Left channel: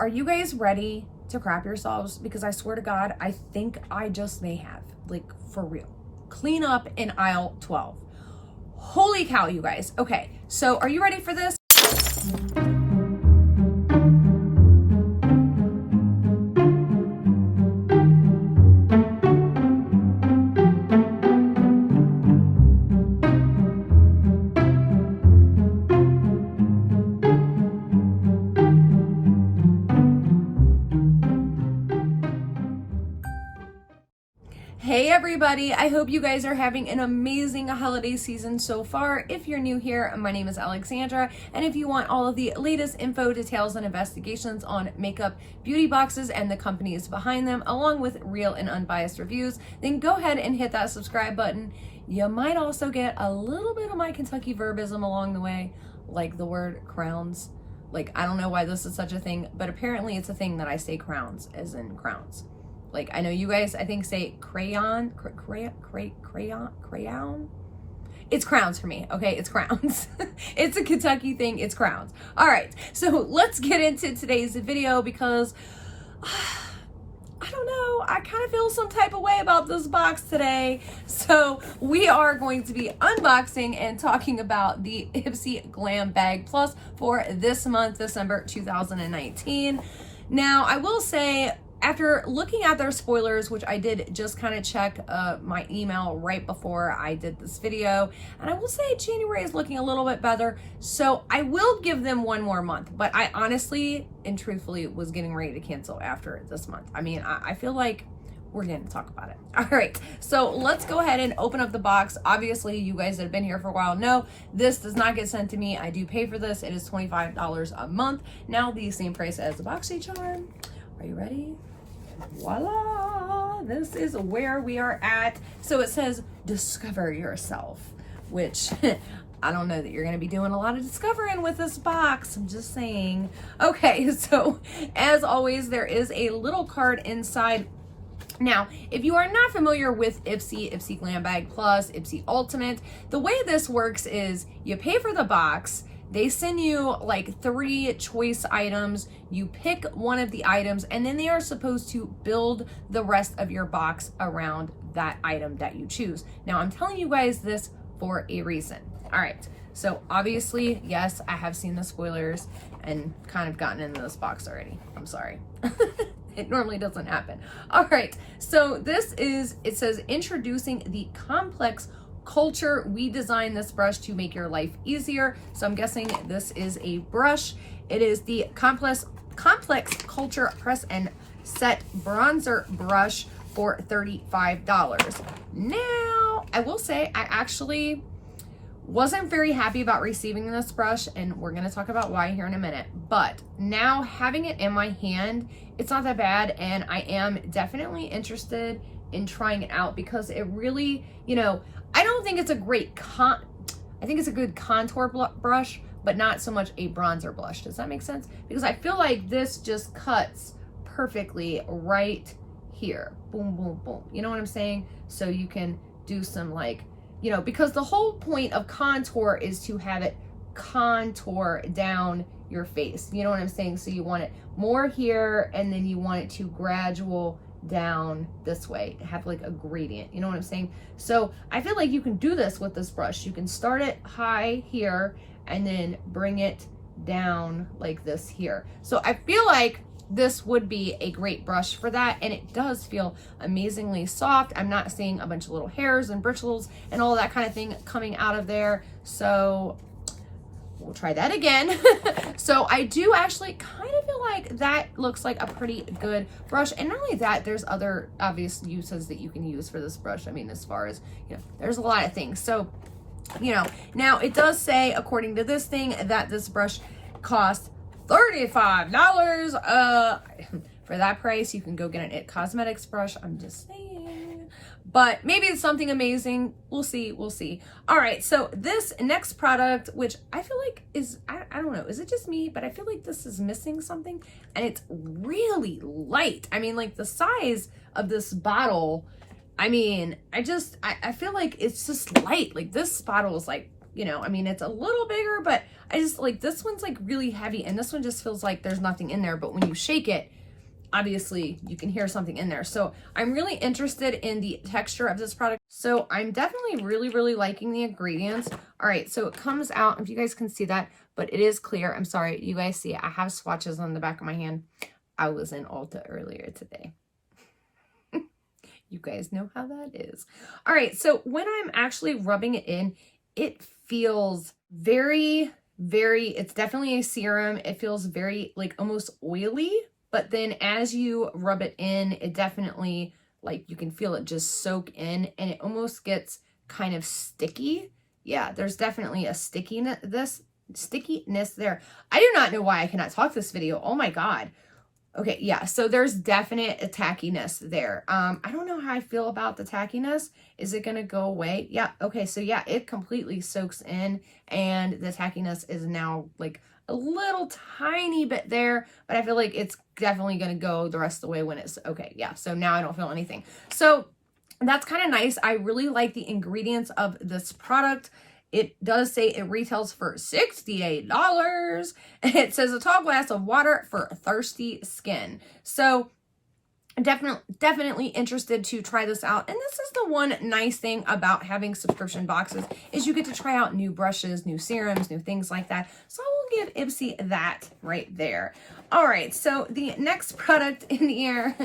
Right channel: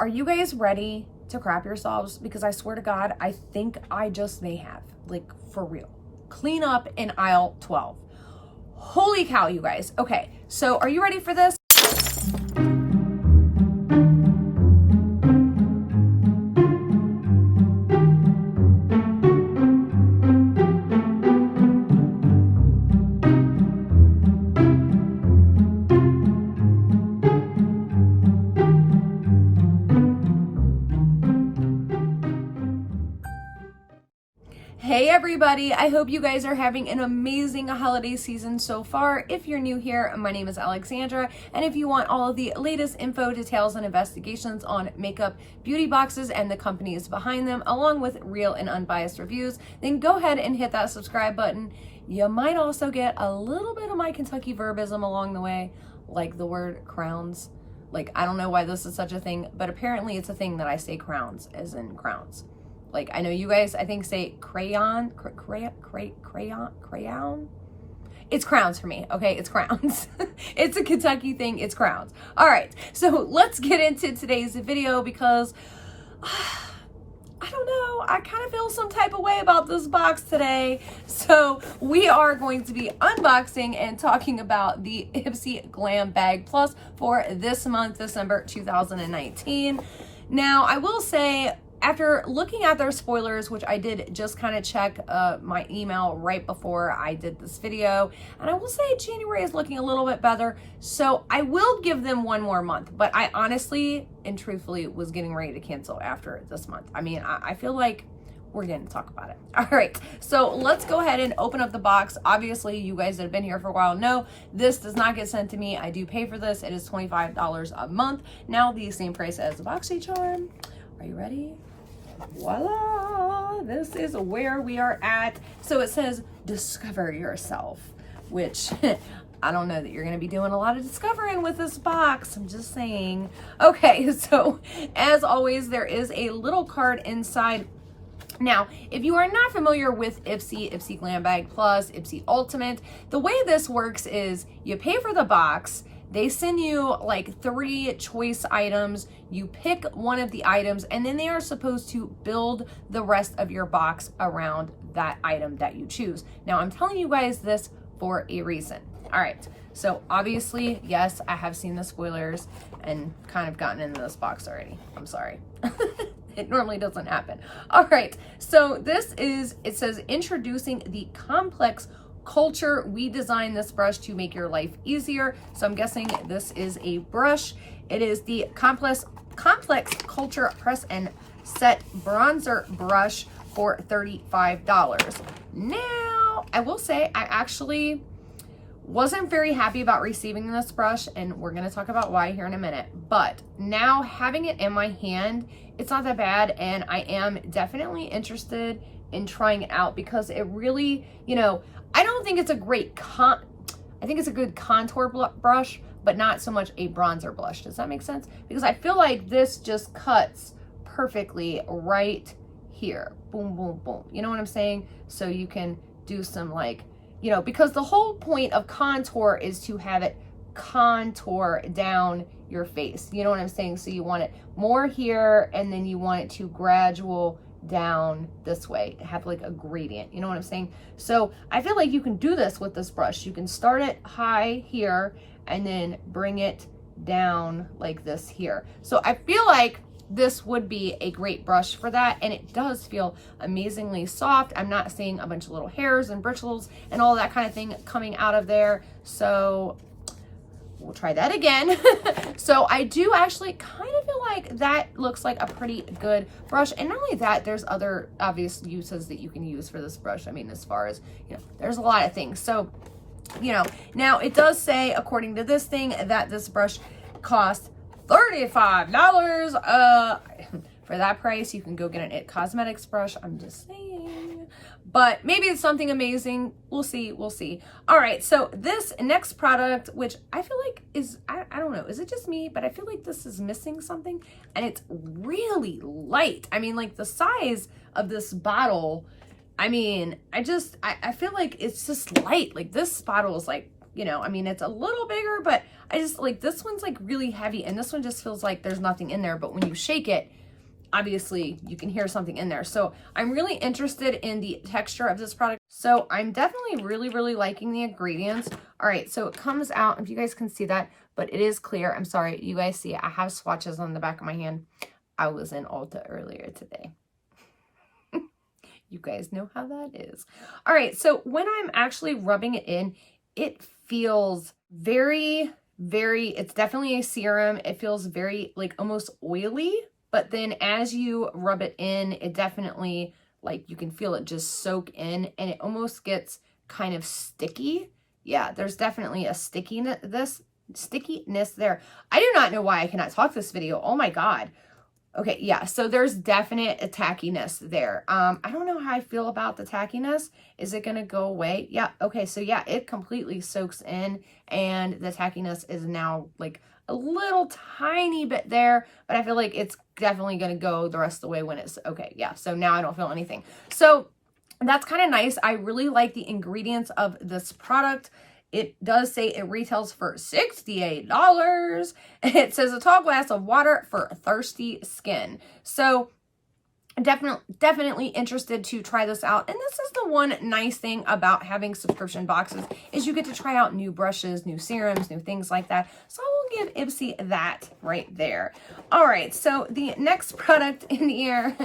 are you guys ready to crap yourselves? Because I swear to God, I think I just may have, like, for real. Clean up in aisle 12. Holy cow, you guys. Okay, so are you ready for this? Hey everybody, I hope you guys are having an amazing holiday season so far. If you're new here, my name is Alexandra, and if you want all of the latest info, details, and investigations on makeup, beauty boxes, and the companies behind them, along with real and unbiased reviews, then go ahead and hit that subscribe button. You might also get a little bit of my Kentucky verbism along the way, like the word crowns. Like, I don't know why this is such a thing, but apparently it's a thing that I say crowns, as in crowns. Like, I know you guys, I think, say crayon. It's crowns for me, okay? It's crowns. It's a Kentucky thing, it's crowns. All right, so let's get into today's video because, I don't know, I kind of feel some type of way about this box today. So we are going to be unboxing and talking about the Ipsy Glam Bag Plus for this month, December 2019. Now, I will say, after looking at their spoilers, which I did just kind of check my email right before I did this video, and I will say January is looking a little bit better, so I will give them one more month, but I honestly and truthfully was getting ready to cancel after this month. I mean, I feel like we're going to talk about it. All right, so let's go ahead and open up the box. Obviously, you guys that have been here for a while know this does not get sent to me. I do pay for this. It is $25 a month. Now, the same price as the BoxyCharm. Are you ready? Voila, this is where we are at. So it says discover yourself, which I don't know that you're going to be doing a lot of discovering with this box. I'm just saying. Okay, so as always, there is a little card inside. Now, if you are not familiar with Ipsy Glam Bag Plus, Ipsy Ultimate, the way this works is you pay for the box. They send you like 3 choice items. You pick one of the items, and then they are supposed to build the rest of your box around that item that you choose. Now, I'm telling you guys this for a reason. All right, so obviously, yes, I have seen the spoilers and kind of gotten into this box already. I'm sorry. It normally doesn't happen. All right, so this is, it says, introducing the complex culture. We designed this brush to make your life easier. So I'm guessing this is a brush. It is the complex culture press and set bronzer brush for $35. Now, I will say I actually wasn't very happy about receiving this brush, and we're going to talk about why here in a minute. But now having it in my hand, it's not that bad, and I am definitely interested in trying it out because it really, you know, I don't think it's a great I think it's a good contour brush, but not so much a bronzer blush. Does that make sense? Because I feel like this just cuts perfectly right here. Boom, boom, boom. You know what I'm saying? So you can do some, like, you know, because the whole point of contour is to have it contour down your face. You know what I'm saying? So you want it more here, and then you want it to gradual down this way to have like a gradient. You know what I'm saying? So I feel like you can do this with this brush. You can start it high here and then bring it down like this here. So I feel like this would be a great brush for that, and it does feel amazingly soft. I'm not seeing a bunch of little hairs and bristles and all that kind of thing coming out of there. So we'll try that again. So I do actually kind of feel like that looks like a pretty good brush. And not only that, there's other obvious uses that you can use for this brush. I mean, as far as, you know, there's a lot of things. So, you know, now it does say, according to this thing, that this brush costs $35. For that price, you can go get an It Cosmetics brush. I'm just saying. But maybe it's something amazing. We'll see. We'll see. All right. So this next product, which I feel like is, I don't know, is it just me? But I feel like this is missing something. And it's really light. I mean, like the size of this bottle, I mean, I feel like it's just light. Like this bottle is like you know, I mean, it's a little bigger, but I just like, this one's like really heavy, and this one just feels like there's nothing in there, but when you shake it, obviously you can hear something in there. So I'm really interested in the texture of this product. So I'm definitely really liking the ingredients. All right, so it comes out, if you guys can see that, but it is clear. I'm sorry, you guys see it. I have swatches on the back of my hand. I was in Ulta earlier today. You guys know how that is. All right, so when I'm actually rubbing it in, it feels very, it's definitely a serum. It feels very like almost oily, but then as you rub it in, it definitely, like, you can feel it just soak in, and it almost gets kind of sticky. Yeah, there's definitely a stickiness there. I do not know why I cannot talk this video. Oh my God. Okay, yeah, so there's definite tackiness there. I don't know how I feel about the tackiness. Is it gonna go away? Yeah, okay, so yeah, it completely soaks in, and the tackiness is now like a little tiny bit there, but I feel like it's definitely gonna go the rest of the way when it's, okay, yeah, so now I don't feel anything. So that's kind of nice. I really like the ingredients of this product. It does say it retails for $68. It says a tall glass of water for thirsty skin. So definitely interested to try this out. And this is the one nice thing about having subscription boxes, is you get to try out new brushes, new serums, new things like that. So I will give Ipsy that right there. All right, so the next product in here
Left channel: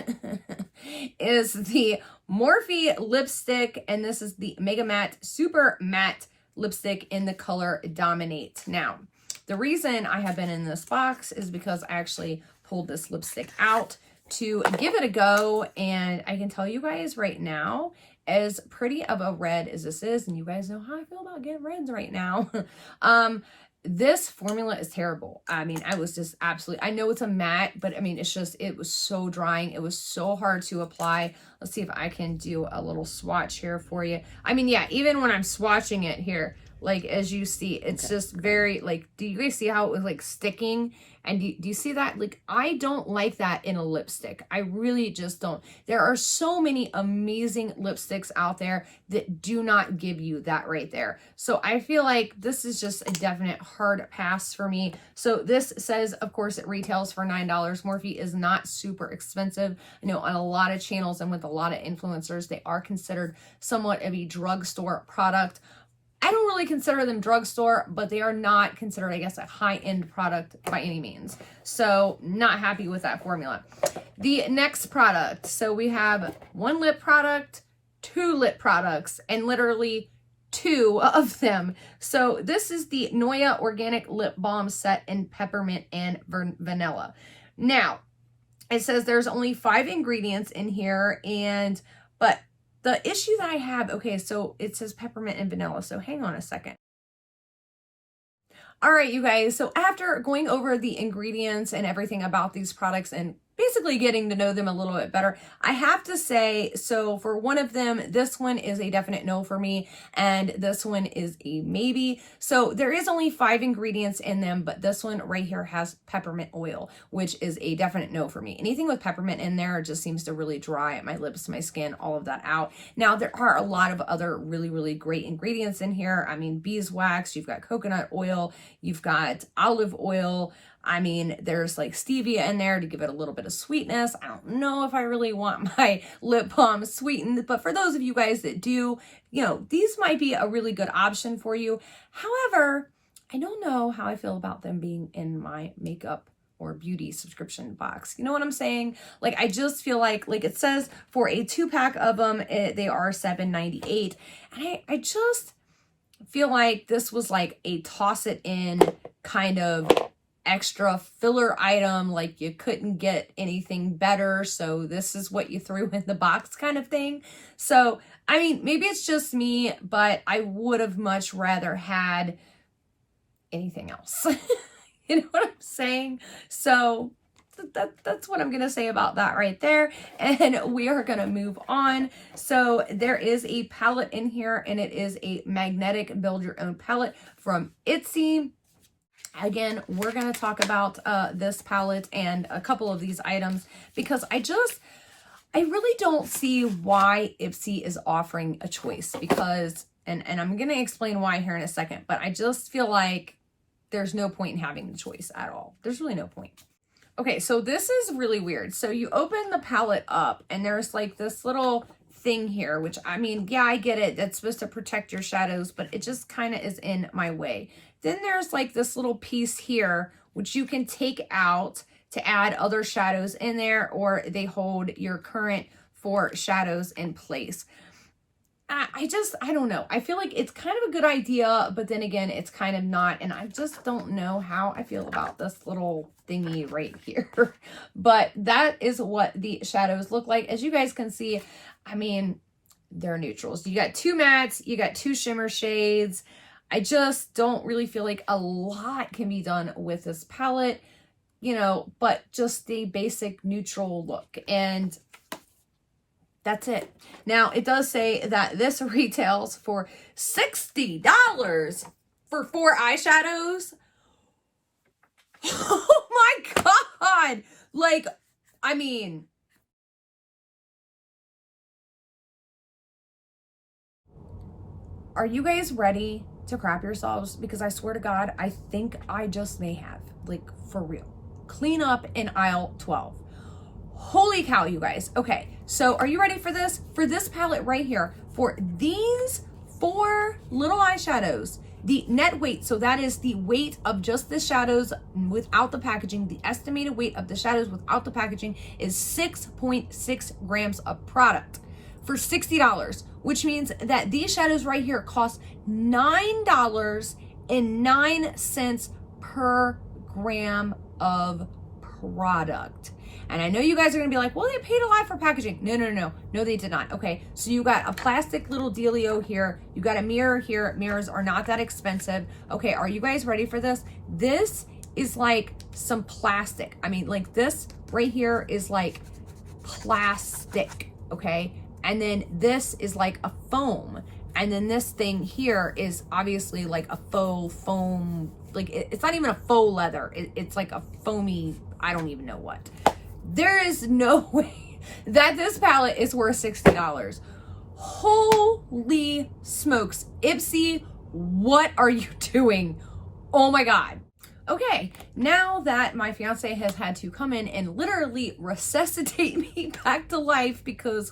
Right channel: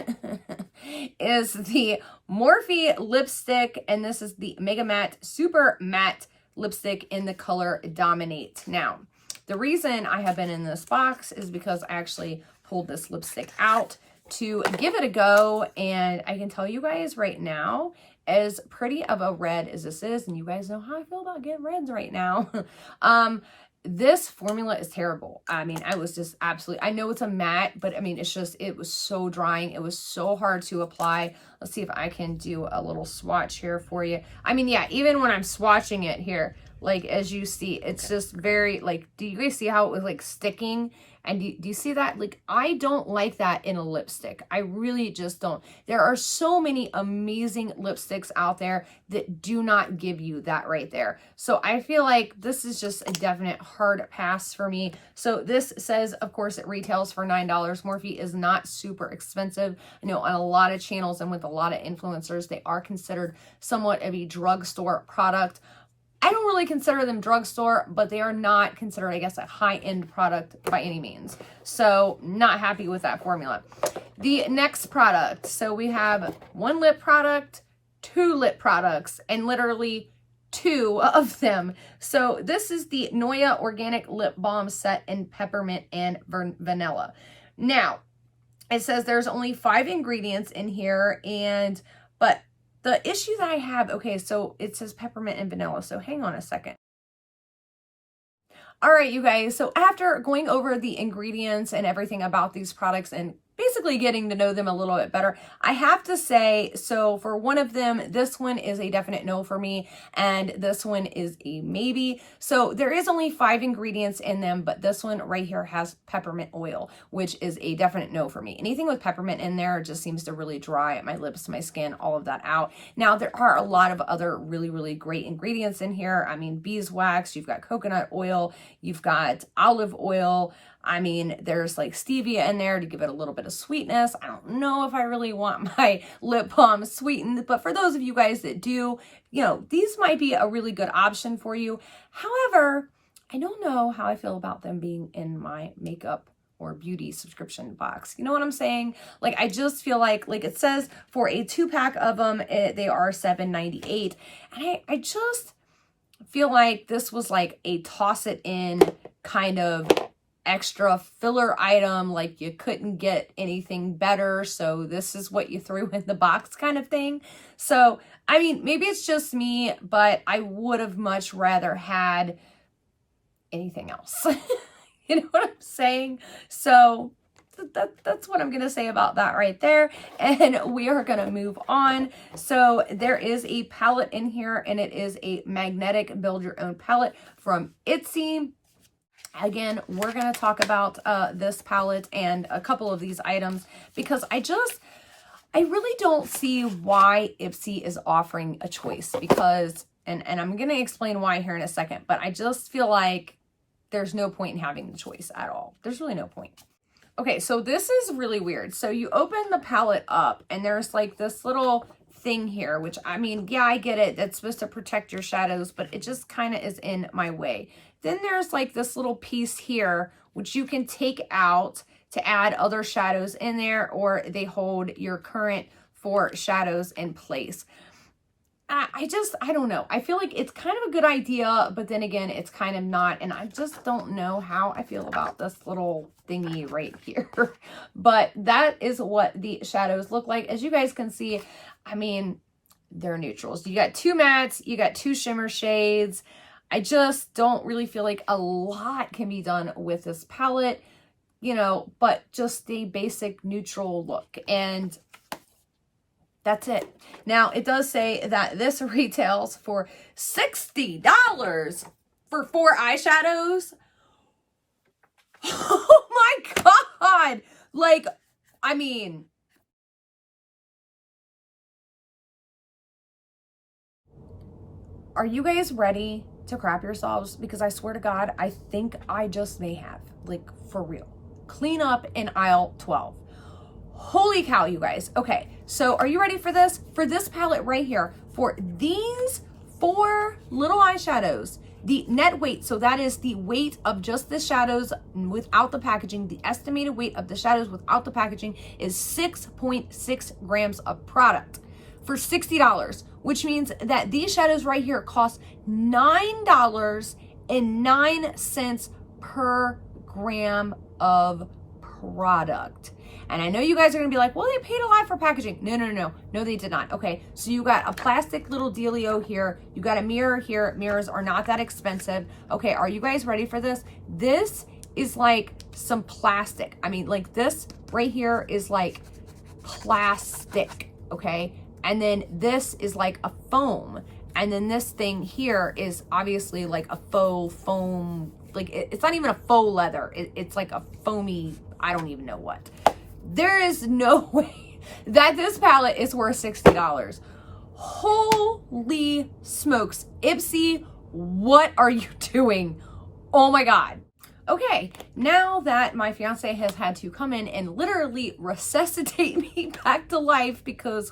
is the Morphe lipstick, and this is the Mega Matte Super Matte lipstick in the color Dominate. Now, the reason I have been in this box is because I actually pulled this lipstick out to give it a go, and I can tell you guys right now, as pretty of a red as this is, and you guys know how I feel about getting reds right now, this formula is terrible. I mean, I was just absolutely, I know it's a matte, but I mean, it's just, it was so drying. It was so hard to apply. Let's see if I can do a little swatch here for you. I mean, yeah, even when I'm swatching it here, like, as you see, it's just very, like, do you guys see how it was like sticking? And do you see that? Like, I don't like that in a lipstick. I really just don't. There are so many amazing lipsticks out there that do not give you that right there. So I feel like this is just a definite hard pass for me. So this says, of course, it retails for $9. Morphe is not super expensive. I know on a lot of channels and with a lot of influencers, they are considered somewhat of a drugstore product. I don't really consider them drugstore, but they are not considered, I guess, a high-end product by any means. So not happy with that formula. The next product. So we have one lip product, two lip products, and literally two of them. So this is the Neue Organic Lip Balm Set in Peppermint and Vanilla. Now, it says there's only 5 ingredients in here, but the issue that I have, okay, so it says peppermint and vanilla, so hang on a second. All right, you guys, so after going over the ingredients and everything about these products and basically getting to know them a little bit better, I have to say, so for one of them, this one is a definite no for me, and this one is a maybe. So there is only 5 ingredients in them, but this one right here has peppermint oil, which is a definite no for me. Anything with peppermint in there just seems to really dry my lips, my skin, all of that out. Now, there are a lot of other really great ingredients in here. I mean, beeswax, you've got coconut oil, you've got olive oil. I mean, there's like stevia in there to give it a little bit of sweetness. I don't know if I really want my lip balm sweetened, but for those of you guys that do, you know, these might be a really good option for you. However, I don't know how I feel about them being in my makeup or beauty subscription box. You know what I'm saying? Like, I just feel like it says for a 2-pack of them, they are $7.98. And I just feel like this was like a toss it in kind of extra filler item, like you couldn't get anything better, so this is what you threw in the box kind of thing. So, I mean, maybe it's just me, but I would have much rather had anything else. You know what I'm saying? So that's what I'm going to say about that right there. And we are going to move on. So there is a palette in here, and it is a magnetic build your own palette from Ipsy. Again, we're going to talk about this palette and a couple of these items because I really don't see why Ipsy is offering a choice, because And I'm going to explain why here in a second, but I just feel like there's no point in having the choice at all. There's really no point. Okay, so this is really weird. So you open the palette up and there's like this little thing here, which I mean, yeah, I get it. That's supposed to protect your shadows, but it just kind of is in my way. Then there's like this little piece here, which you can take out to add other shadows in there, or they hold your current 4 shadows in place. I don't know. I feel like it's kind of a good idea, but then again, it's kind of not. And I just don't know how I feel about this little thingy right here. But that is what the shadows look like. As you guys can see, I mean, they're neutrals. You got 2 mattes, you got 2 shimmer shades. I just don't really feel like a lot can be done with this palette, you know, but just the basic neutral look. And that's it. Now, it does say that this retails for $60 for 4 eyeshadows. Oh my God. Like, I mean, are you guys ready to crap yourselves? Because I swear to God, I think I just may have, like, for real. Clean up in aisle 12. Holy cow, you guys. Okay, so are you ready for this? For this palette right here, for these 4 little eyeshadows, the net weight, so that is the weight of just the shadows without the packaging, the estimated weight of the shadows without the packaging is 6.6 grams of product for $60, which means that these shadows right here cost $9.09 per gram of product. And I know you guys are gonna be like, well, they paid a lot for packaging. No, they did not. Okay, so you got a plastic little dealio here. You got a mirror here. Mirrors are not that expensive. Okay, are you guys ready for this? This is like some plastic. I mean, like this right here is like plastic, okay? And then this is like a foam. And then this thing here is obviously like a faux foam. Like it's not even a faux leather. It's like a foamy, I don't even know what. There is no way that this palette is worth $60. Holy smokes. Ipsy, what are you doing? Oh my God. Okay, now that my fiance has had to come in and literally resuscitate me back to life because,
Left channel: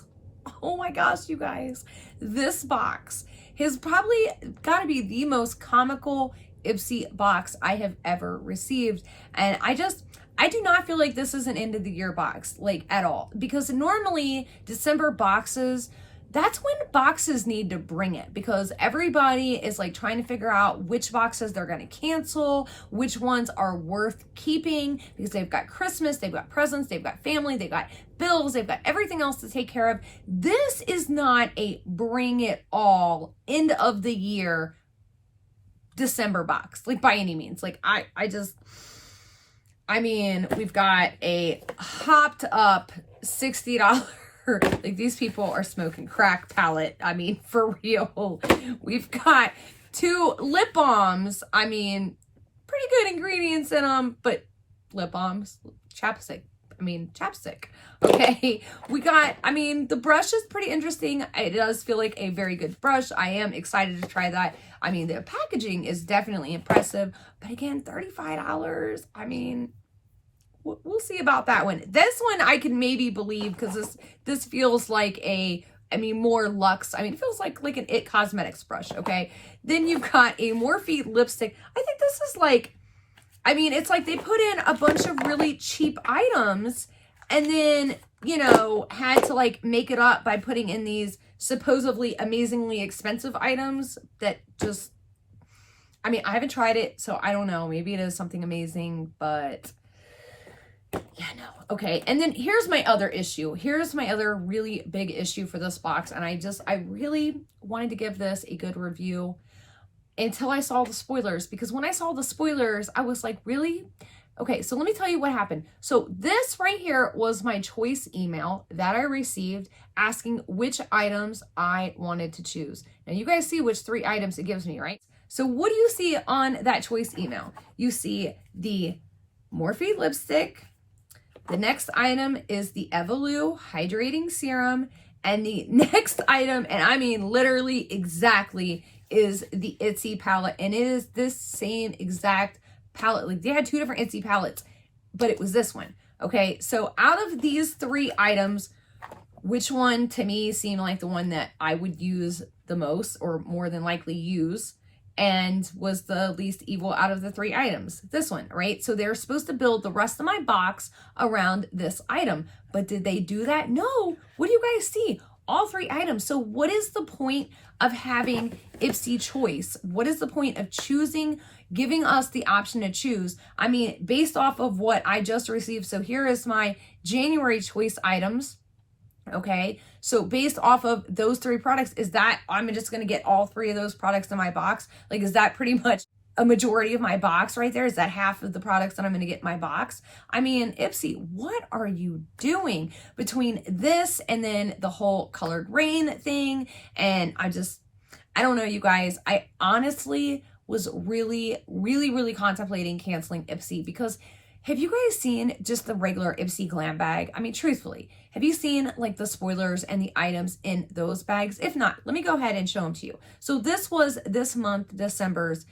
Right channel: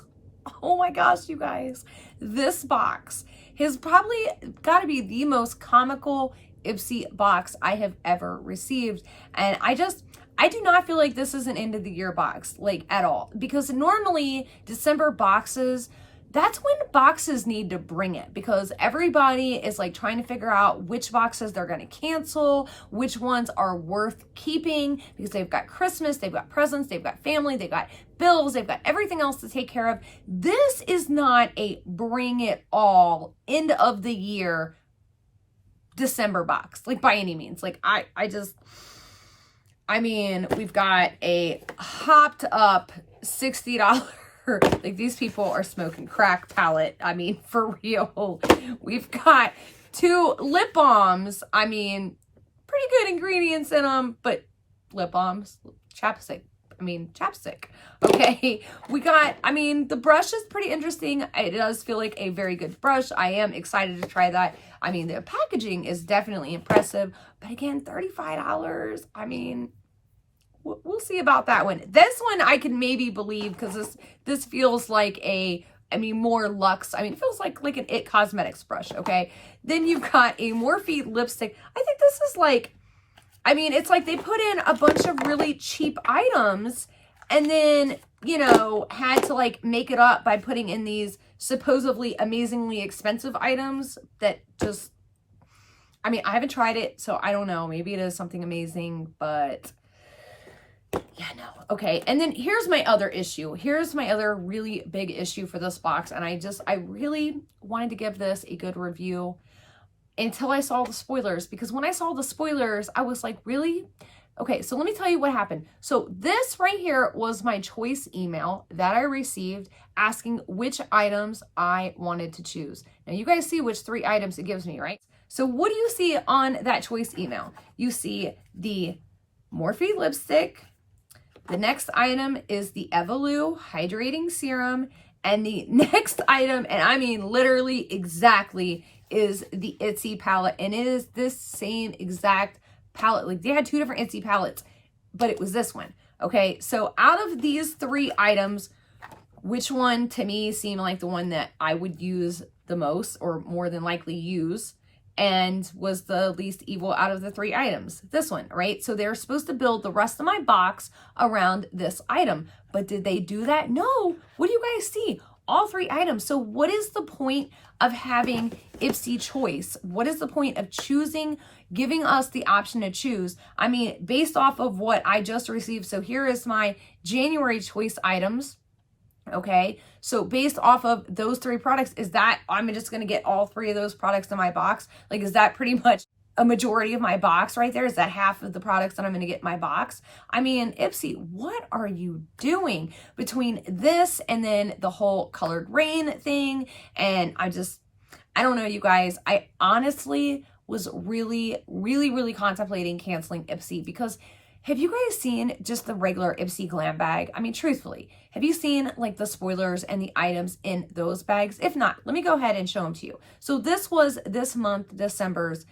oh my gosh, you guys, this box has probably got to be the most comical Ipsy box I have ever received. And I do not feel like this is an end of the year box, like at all, because normally December boxes, that's when boxes need to bring it, because everybody is like trying to figure out which boxes they're going to cancel, which ones are worth keeping, because they've got Christmas, they've got presents, they've got family, they've got bills, they've got everything else to take care of. This is not a bring it all end of the year December box, like by any means. Like I mean, we've got a hopped up $60, like these people are smoking crack palette. I mean, for real. We've got 2 lip balms. I mean, pretty good ingredients in them, but lip balms, chapstick. Okay, we got, I mean, the brush is pretty interesting. It does feel like a very good brush. I am excited to try that. I mean, the packaging is definitely impressive, but again, $35. I mean, we'll see about that one. This one I can maybe believe, because this feels like more luxe. I mean, it feels like an It Cosmetics brush, okay? Then you've got a Morphe lipstick. I think this is like, I mean, it's like they put in a bunch of really cheap items and then, you know, had to like make it up by putting in these supposedly amazingly expensive items that just, I mean, I haven't tried it, so I don't know. Maybe it is something amazing, but yeah, no. Okay, and then here's my other issue. Here's my other really big issue for this box, and I really wanted to give this a good review until I saw the spoilers, because when I saw the spoilers, I was like, really? Okay, so let me tell you what happened. So this right here was my choice email that I received asking which items I wanted to choose. Now you guys see which 3 items it gives me, right? So what do you see on that choice email? You see the Morphe lipstick. The next item is the Evolu hydrating serum. And the next item, and I mean literally exactly, is the Ipsy palette. And it is this same exact palette. Like they had two different Ipsy palettes, but it was this one. Okay, so out of these three items, which one to me seemed like the one that I would use the most, or more than likely use, and was the least evil out of the three items? This one, right? So they're supposed to build the rest of my box around this item, but did they do that? No. What do you guys see? All three items. So what is the point of having Ipsy choice? What is the point of choosing, giving us the option to choose? I mean, based off of what I just received. So here is my January choice items. Okay, so based off of those three products, is that I'm just going to get all three of those products in my box? Like, is that pretty much a majority of my box right there? Is that half of the products that I'm going to get in my box? I mean, Ipsy, what are you doing between this and then the whole colored rain thing? And I don't know, you guys. I honestly was really contemplating canceling Ipsy, because have you guys seen just the regular Ipsy Glam Bag? I mean, truthfully, have you seen like the spoilers and the items in those bags? If not, let me go ahead and show them to you. So this was this month, December's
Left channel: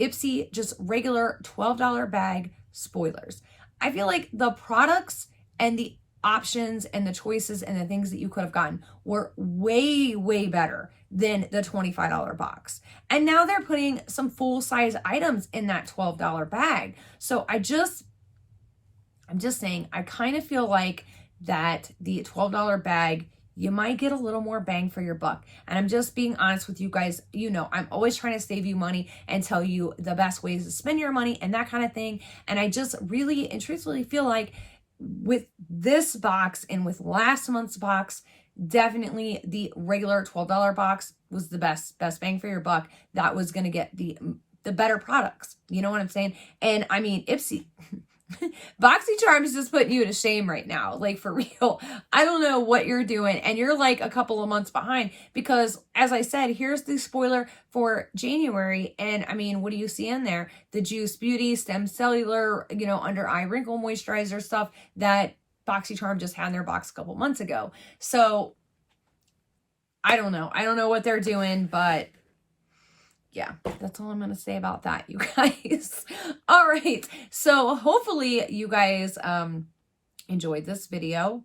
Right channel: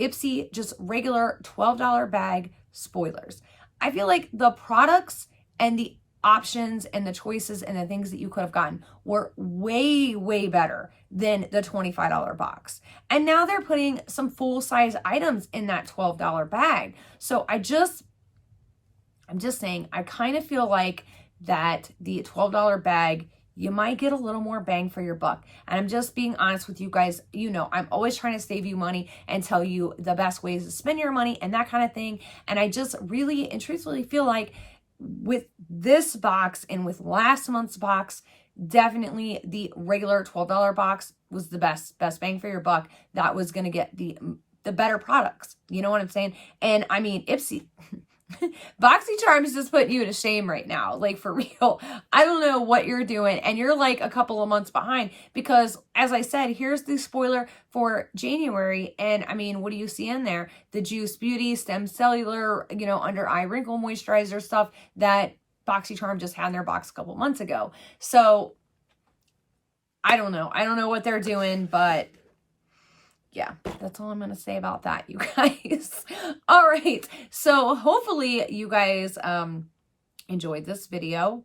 Ipsy, just regular $12 bag spoilers. I feel like the products and the options and the choices and the things that you could have gotten were way better than the $25 box. And now they're putting some full-size items in that $12 bag. So I'm just saying, I kind of feel like that the $12 bag, you might get a little more bang for your buck. And I'm just being honest with you guys. You know, I'm always trying to save you money and tell you the best ways to spend your money and that kind of thing. And I just really and truthfully feel like with this box and with last month's box, definitely the regular $12 box was the best bang for your buck. That was going to get the better products. You know what I'm saying? And I mean, Ipsy... BoxyCharm is just putting you to shame right now. Like, for real. I don't know what you're doing. And you're like a couple of months behind, because as I said, here's the spoiler for January. And I mean, what do you see in there? The Juice Beauty Stem Cellular, you know, under eye wrinkle moisturizer stuff that BoxyCharm just had in their box a couple months ago. So I don't know. I don't know what they're doing, but yeah, that's all I'm going to say about that, you guys. All right. So hopefully you guys enjoyed this video.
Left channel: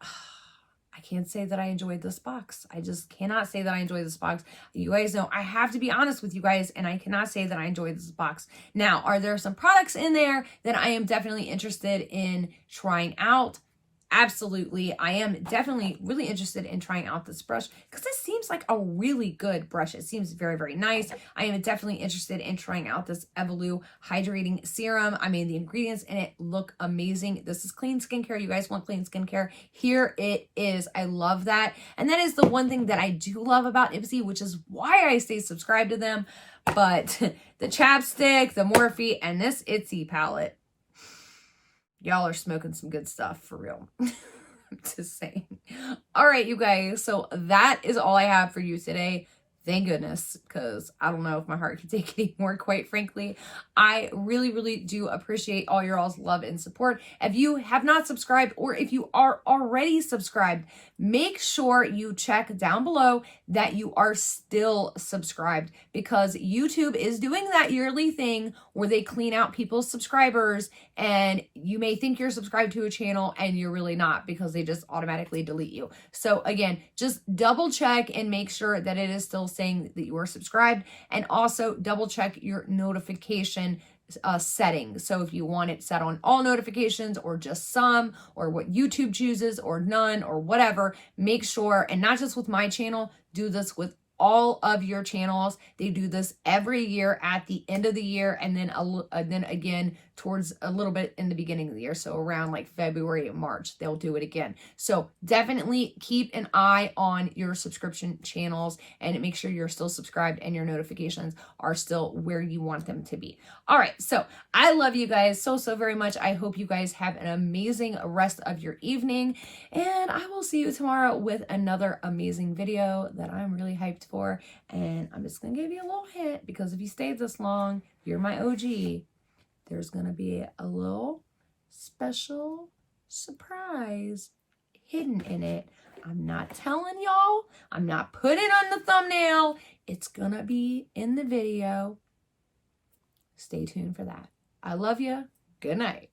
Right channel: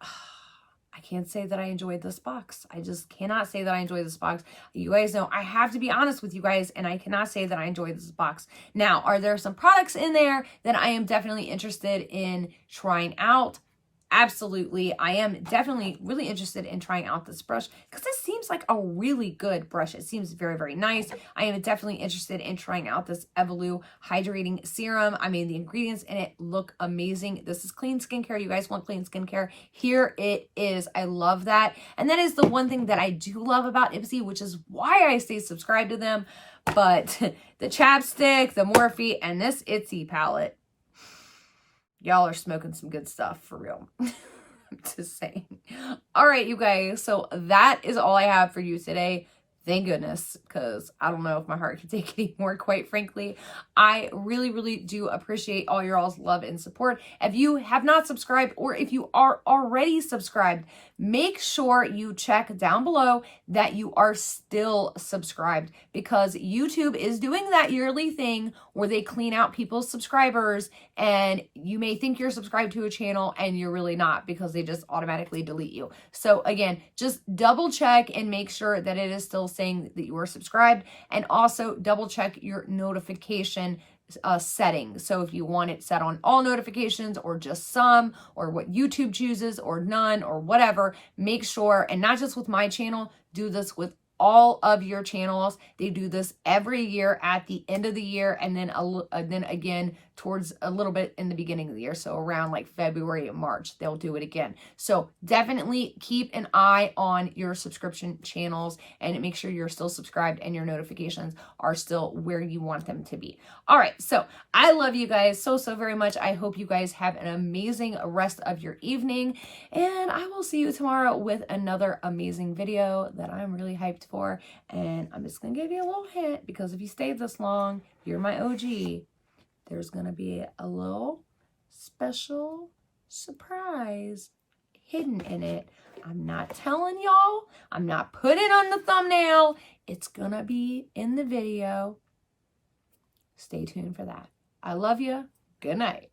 I can't say that I enjoyed this box. I just cannot say that I enjoyed this box. You guys know I have to be honest with you guys, and I cannot say that I enjoyed this box. Now, are there some products in there that I am definitely interested in trying out? Absolutely. I am definitely really interested in trying out this brush, because this seems like a really good brush. It seems very nice. I am definitely interested in trying out this Evolu hydrating serum. I mean, the ingredients in it look amazing. This is clean skincare. You guys want clean skincare? Here it is. I love that. And that is the one thing that I do love about Ipsy, which is why I stay subscribed to them. But the chapstick, the Morphe, and this Ipsy palette, y'all are smoking some good stuff, for real. I'm just saying. All right, you guys. So that is all I have for you today. Thank goodness, because I don't know if my heart can take it anymore, quite frankly. I really do appreciate all your all's love and support. If you have not subscribed, or if you are already subscribed, make sure you check down below that you are still subscribed, because YouTube is doing that yearly thing where they clean out people's subscribers, and you may think you're subscribed to a channel and you're really not, because they just automatically delete you. So again, just double check and make sure that it is still saying that you are subscribed, and also double check your notification settings. So if you want it set on all notifications, or just some, or what YouTube chooses, or none, or whatever, make sure, and not just with my channel, do this with all of your channels. They do this every year at the end of the year, and then again towards a little bit in the beginning of the year. So around like February and March, they'll do it again. So definitely keep an eye on your subscription channels and make sure you're still subscribed and your notifications are still where you want them to be. All right. So I love you guys so very much. I hope you guys have an amazing rest of your evening, and I will see you tomorrow with another amazing video that I'm really hyped for. And I'm just going to give you a little hint, because if you stayed this long, you're my OG. There's going to be a little special surprise hidden in it. I'm not telling y'all. I'm not putting it on the thumbnail. It's gonna be in the video. Stay tuned for that. I love you. Good night.